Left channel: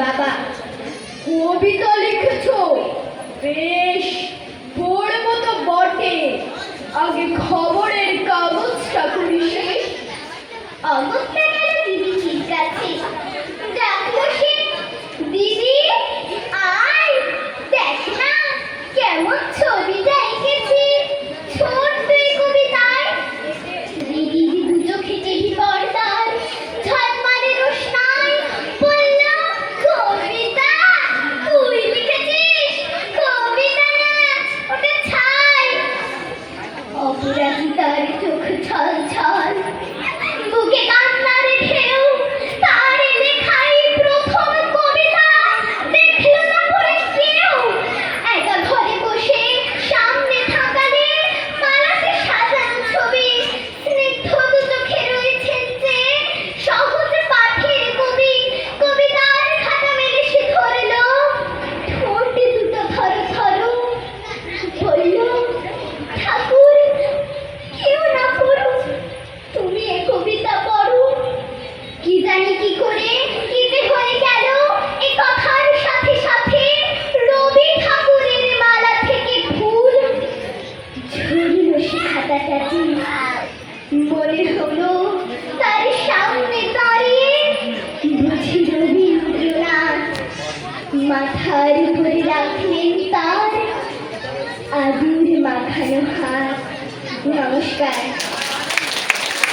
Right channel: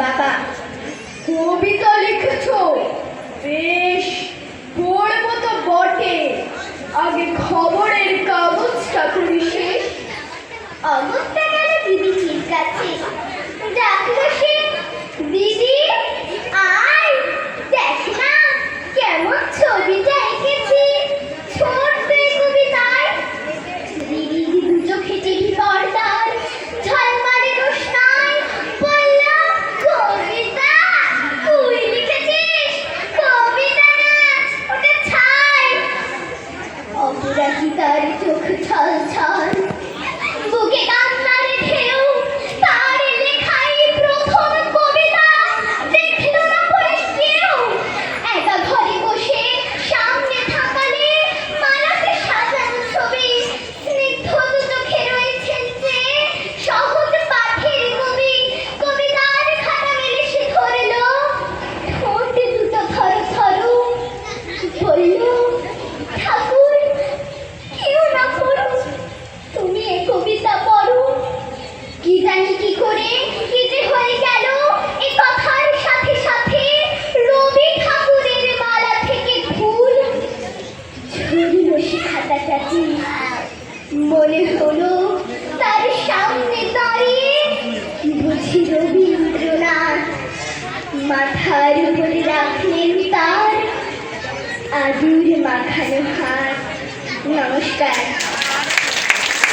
বাবা, কবিতা লিখেছো? বেশ, পড়বো তো বটে। আগে খবরের কাগজটা খুলি শেষ। অমুকটা গেল দিদি, ঠিক আছে। ডাকলো সে, দিদি আয়, দেখ না কেমন ছবিটা এঁকেছি ছোট্ট এই কবিতায়। দিদি দু চোখে টিভি পর্দায় ঝলমলে রোশনাই বলল, কবিতা তুই লিখেছিস? কবিতা না, ওটা ছাই। অপরাজিতার চোখ ছল ছল, বুকে কান্নার ঢেউ, তার লেখাই প্রথম কবিতা দেখলো না পড়ে কেউ। একা ঘরে বসে সামনে থাকালে মালাতে সাজানো ছবি, স্নিগ্ধ দু চোখে রয়েছেন যে সহজ পাঠের কবি। কবিতার খাতা মেলে সে ধরলো, ঠোঁট দুটো থর থর, বলল, ঠাকুর কেউ না পড়ো, তুমি এ কবিতা পড়ো। কি জানি কি করে কি যে হয়ে গেল, এ কথার সাথে সাথে রবি ঠাকুরের মালা থেকে ফুল ঝরিল সে খাতাটাতে। মনে হলো তার সামনে দাঁড়িয়ে বুঝি রবীন্দ্রনাথ। মাথার